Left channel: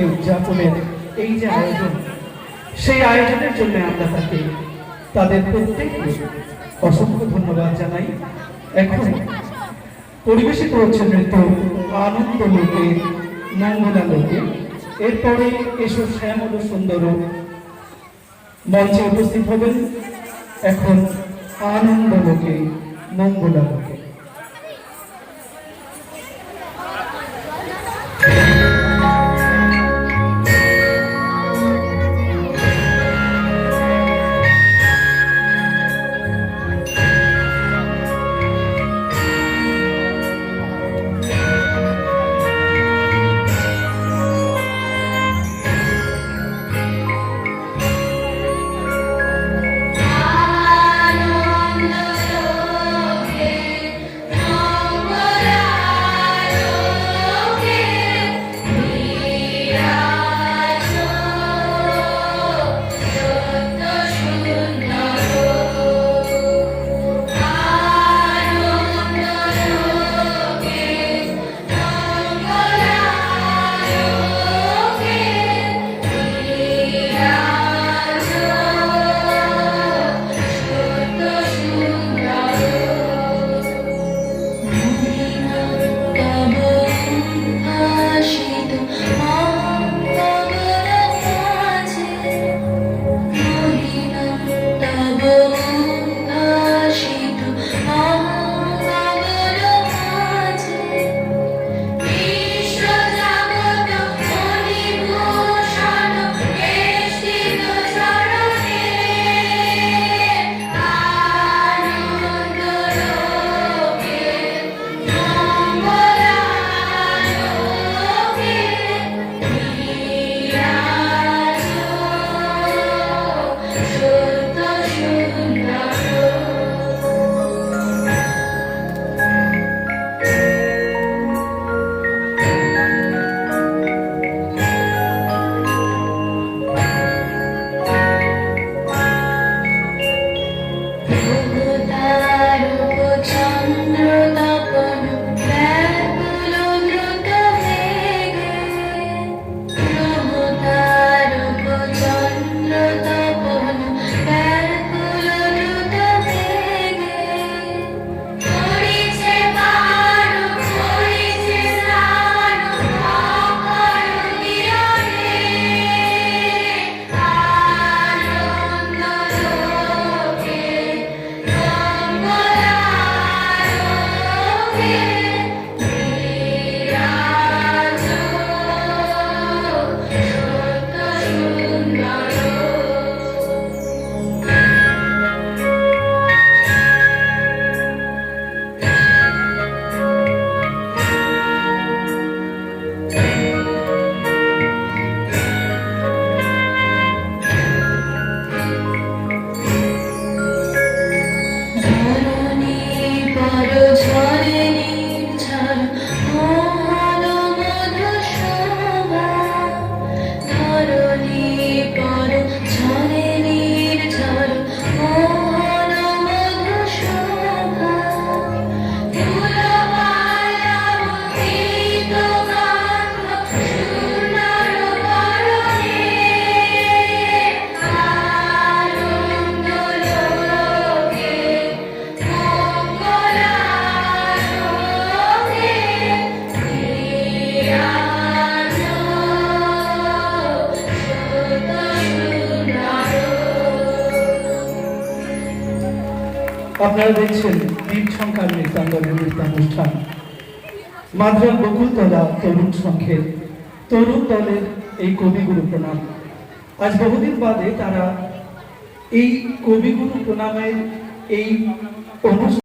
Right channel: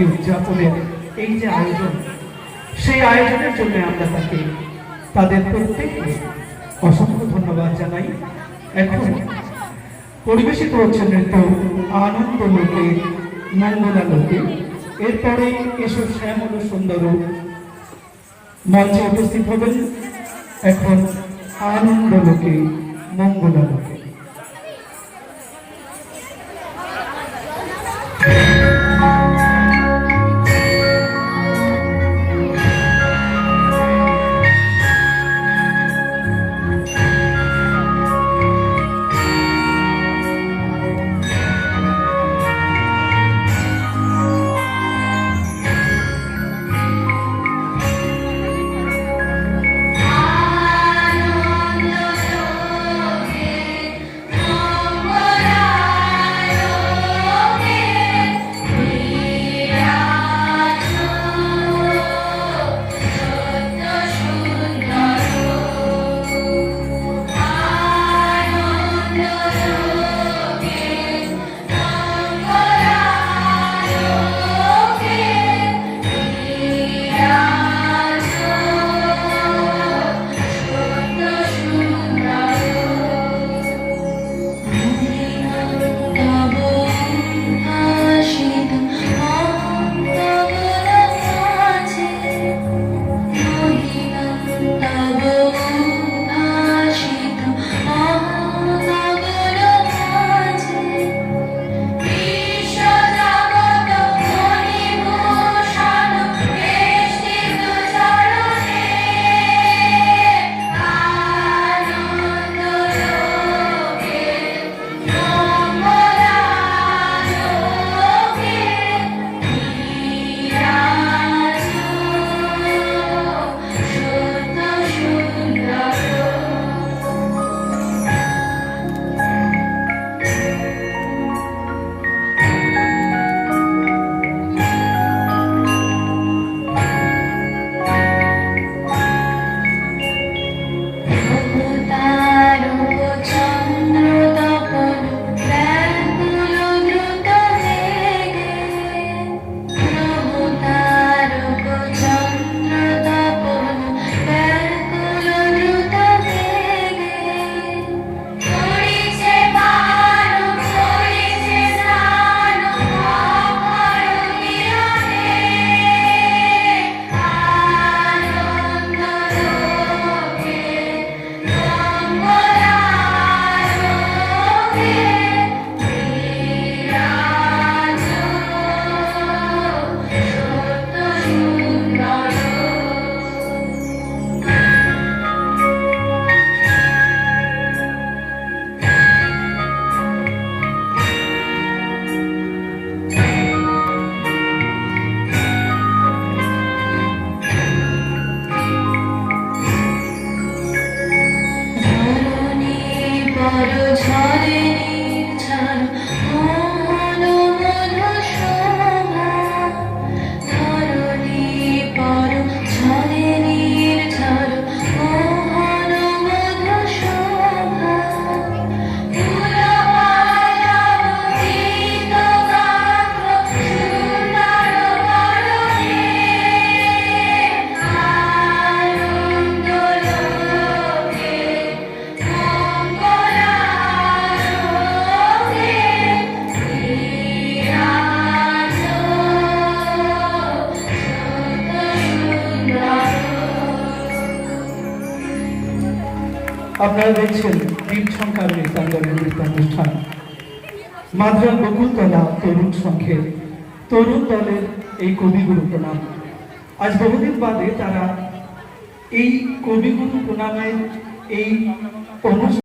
জয়ন্তী উদযাপনের এই যে আয়োজন, সেই আয়োজনের জন্য আমরা তাকে, তাদের প্রত্যেককে অসংখ্য ধন্যবাদ জানাই। এখন পরিবেশিত হচ্ছে নৃত্য আনন্দ লোকে মঙ্গলা লোকে এরপরে এসব শ্যামল সুন্দর মঞ্চে উপস্থিত হবেন। এখন আনন্দ লোকে মঙ্গলা আপনারা দেখছেন দ্বীপ সংখ্যার নৃত্যাঙ্গনের নৃত্যানুষ্ঠান বকুলতলা তরুণ সংঘের তরুণ দলের এই কবিগুরু প্রণাম। আজ বহুদিন বাদে তারা এই কবিগুরু প্রণামের এই অনুষ্ঠান